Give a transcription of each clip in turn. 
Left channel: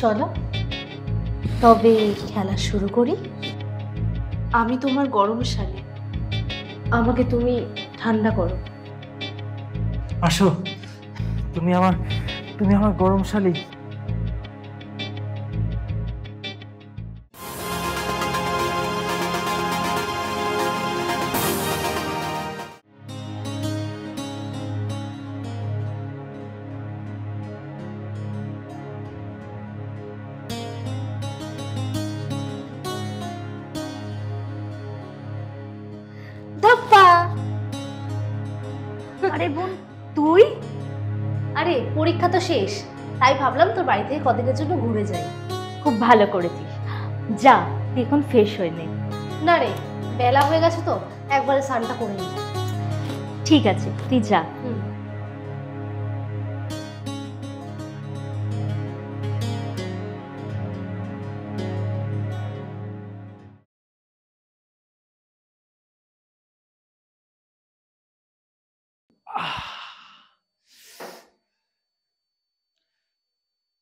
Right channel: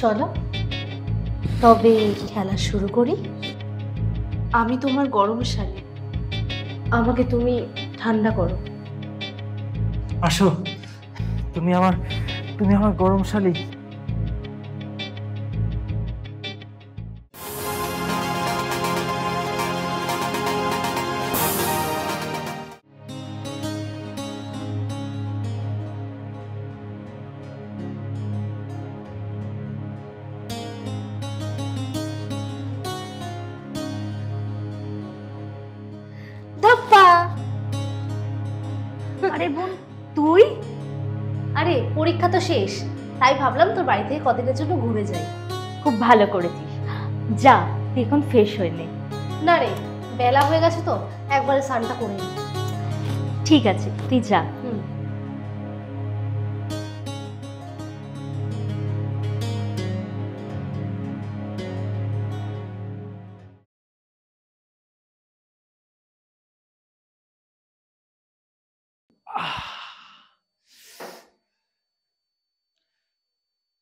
চলো তবে খেলা শুরু করি। আমি তোমার গরম শালী, আমাকে তুমি ঠান্ডা করো। আসো, তুমি আমার গরম শালী। ধাপ্পা। আরে বোন তুই? আরে পরীক্ষা তো শেষ, তাই ভাবলাম তোর বাড়ি থেকে কদিনের জন্য ঘুরে যাই। খুব ভালো করেছিস, যা তুই এখন ফ্রেশ হয়ে নে। না রে, বেলা হয়ে গেছে তো, একবারে স্নানটা করে নি। ঠিক আছে তুই যা।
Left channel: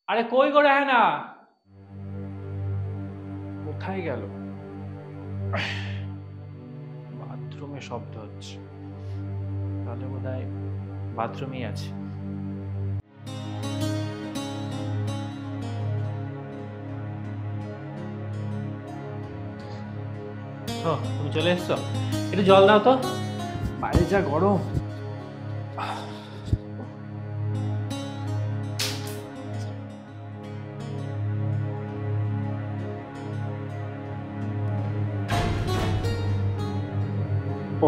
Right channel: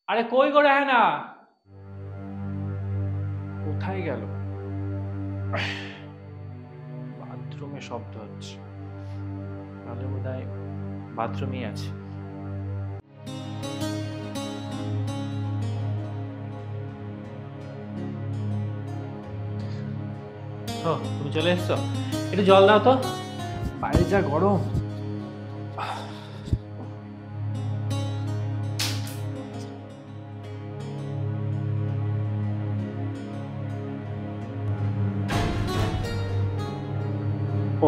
আরে কই গো রেহানা, কোথায় গেল? বাথরুমে শব্দ হচ্ছে, তাহলে বোধহয় বাথরুমেই আছে। ও তুমি চলে এসছো, একটু জল দাও তো, বাইরে যা গরম।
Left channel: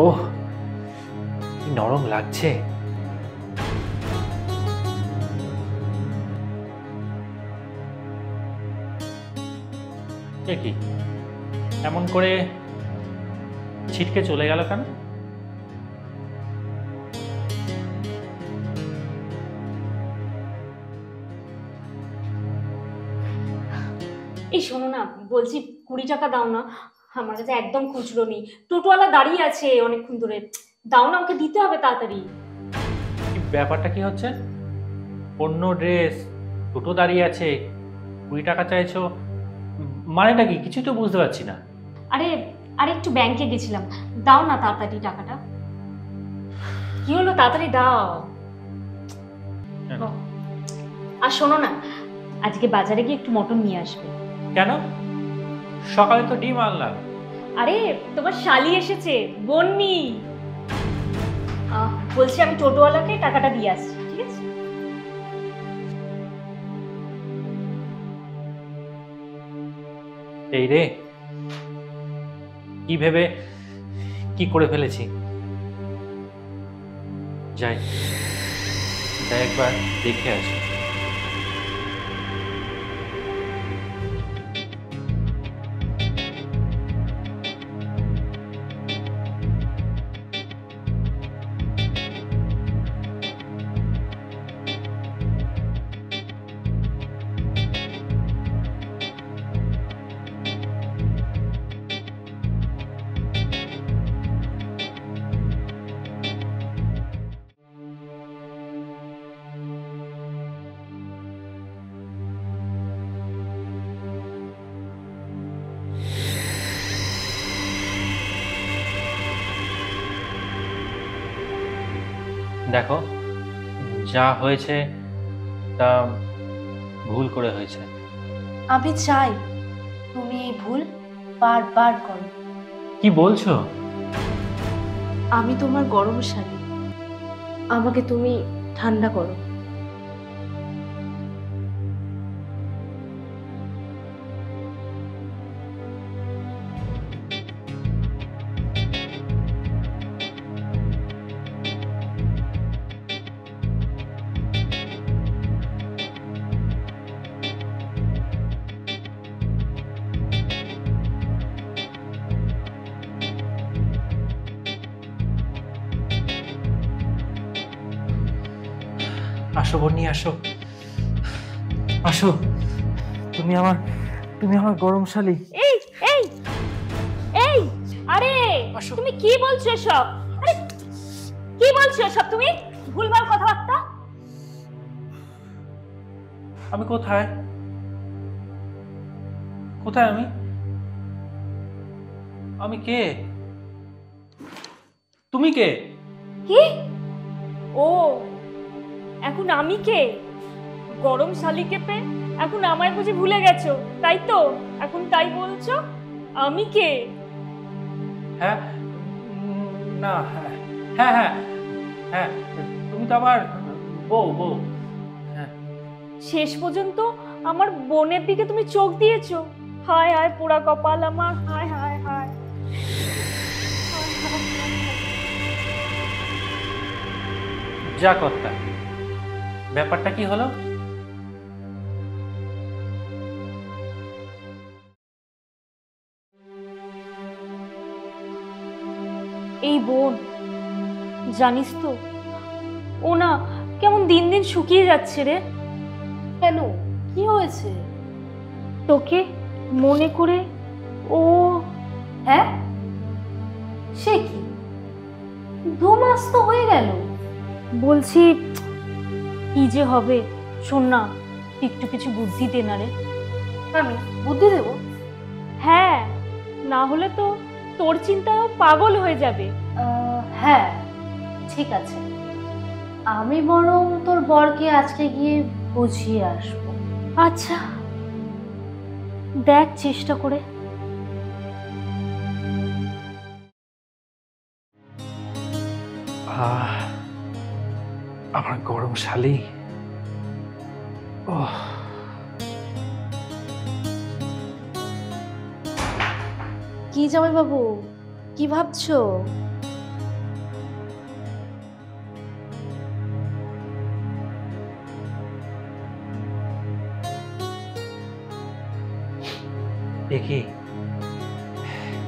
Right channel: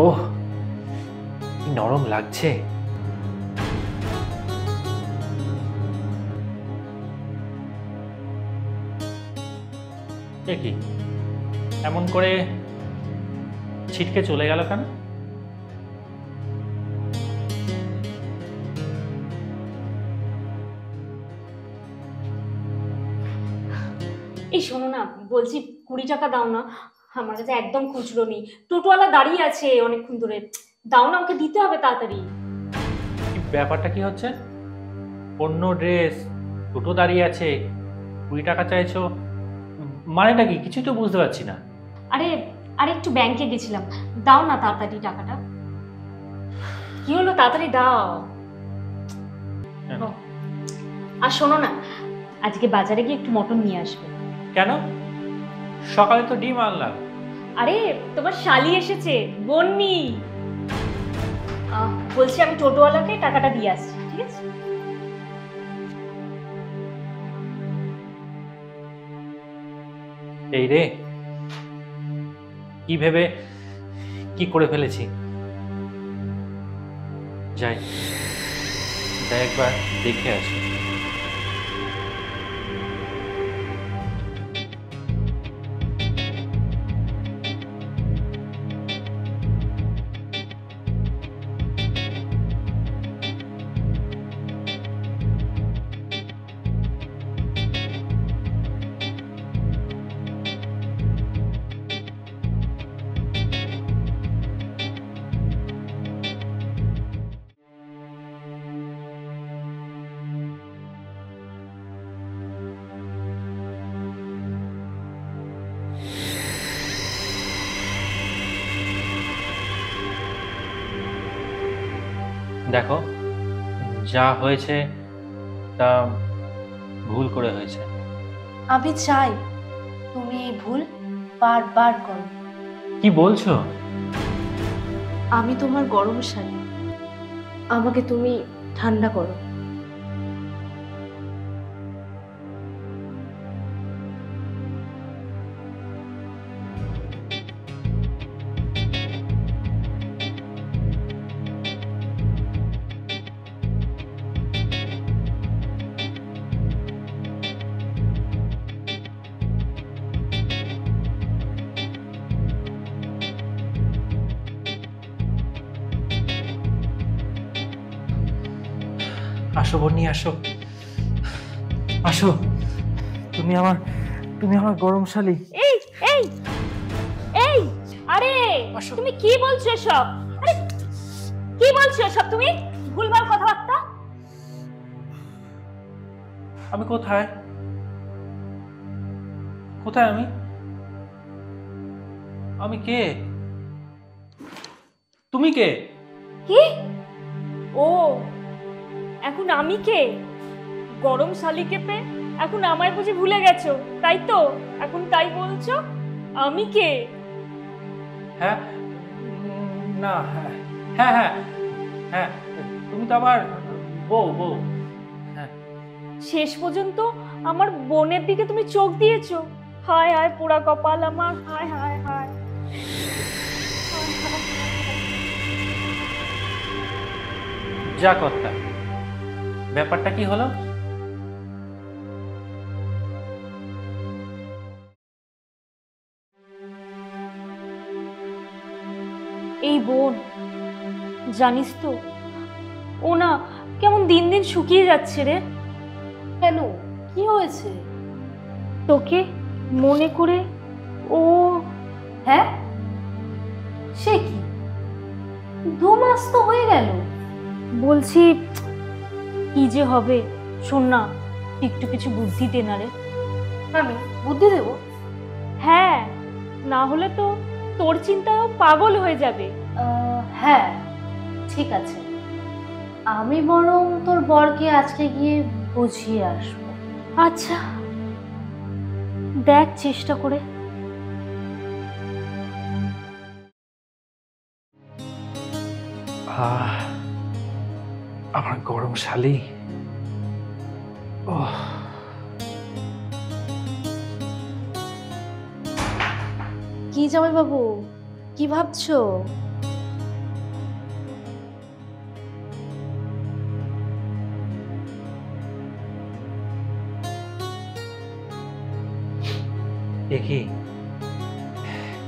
ওহ কি নরম লাগছে। এ কি এমন করে ছিটকে চলে গেল কেন? এই শোনো না, বলছি 20 টাকা দাও না, আমার কাছে একদম খুচরো নেই। টোটোওয়ালা দাঁড়িয়ে আছে অনেকক্ষণ ধরে, দাও না, ওকে দিতে হবে তাড়াতাড়ি। কি ব্যাপারটা কি হচ্ছে? অন্য ড্রেস, টোটো দাঁড়িয়ে আছে, 20 টাকা চাইছো, মানেটা কি? কিছুই তো বুঝতে পারছি না। আরে আরে একটু ব্যাংকে গেছিলাম, দাও না তাড়াতাড়ি টাকাটা। কি হলো, তাড়াতাড়ি দাও। আর শোনো না, আজকে বাজারে গিয়ে একটু মটন নিয়ে আসবে। কেন? সকালে তো ডিম আনলাম। আরে তোমার শালি এসেছে, বন্নি। বলছি আমি টোটোওয়ালাকে টাকাটা দিয়ে আসছি, ঠিক আছে? এই রে, কি ভেবে কি করে ফেলেছি। যাই যাই একবার দেখে আসি। দেখো, যা হয়েছে তা ভুল করে হয়েছে। আমি চাই তুমি এই ভুল বারবার করো। কি বলছো? আমি তোমার গরম শালী, আমাকে তুমি ঠান্ডা করো। আসো বন্নি, আসো আসো, তুমি আমার গরম শালী। এই এই এই, আরে তুমি কি বলছো সব? আরে কি বলছো সব তুমি? ভুলভাল কথাবার্তা। আমি কোথায়? কোথায় আমি? আমি কে? তুমি কে? কি? ও, এখন আমি কে? গরম শালিকে পেয়ে এখন আমায় বুঝি ভুলে গেছো, তাই তো? এখন তাই বলছো? আমি কে? হ্যাঁ, না, হ্যাঁ হ্যাঁ হ্যাঁ হ্যাঁ, তুমি তো আবার বউ বউ। হ্যাঁ, শেষ পর্যন্ত আমার বোনের দিকে তুমি চোখ দিয়েছো। হায় হায় পোড়া কপাল আমার, হায় হায় হায়। যা কর্তা, ব্যাপারটা কি হলো? এই বোন, জানিস তো ও না কেমন দিন দিন শুকিয়ে যাচ্ছে রে। কেন, কি হয়েছে? তোকে মনে করে ও। হ্যাঁ, সে কি, 2 মাস তো হয়ে গেল। বলছি কি যে হবে, শোন না, একটু কিছু বুদ্ধি দে না রে। আমি বুদ্ধি দেব? হ্যাঁ, না হলে তো তোর চিন্তায় পাগল হয়ে যাবে। হ্যাঁ, ঠিক আছে, আমি বরং তোর বরকে আজকে গিয়ে বুঝিয়ে আসবো। আচ্ছা, দেখ চেষ্টা করে। আমার গরম শালি। ওহ, কি জামাই বাবু, কি ভাবছো?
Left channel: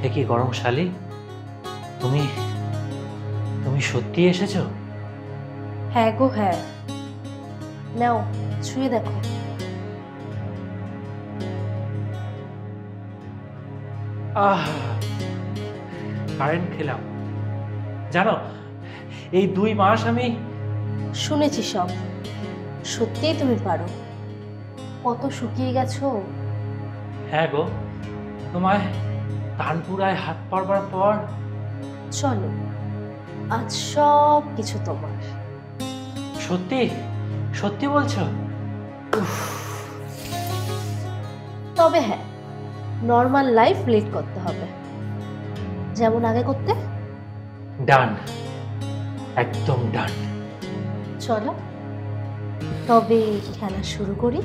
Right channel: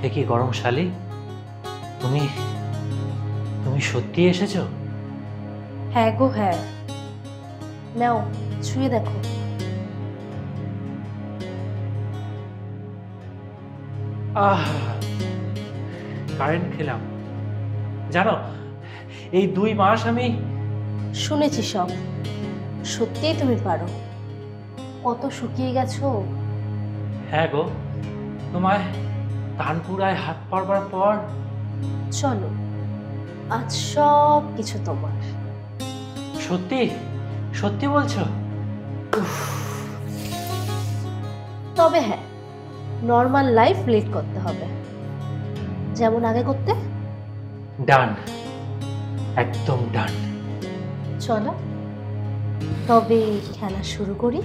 একি গরম শালি, তুমি তুমি সত্যি এসেছো? হ্যাঁ গো হ্যাঁ, নাও ছুঁয়ে দেখো। কারেন্ট খেলাম। জানো, এই 2 মাস আমি শুনেছি সব, সত্যিই তুমি পারো, কত শুকিয়ে গেছো। হ্যাঁ গো, তোমায় তানপুরায় হাত পড়বার পর চলো, আজ সব কিছু তোমার। সত্যি সত্যি বলছো? তবে হ্যাঁ, নর্মাল লাইফ লিড করতে হবে, যেমন আগে করতে। ডান, একদম ডান। চলো তবে খেলা শুরু করি।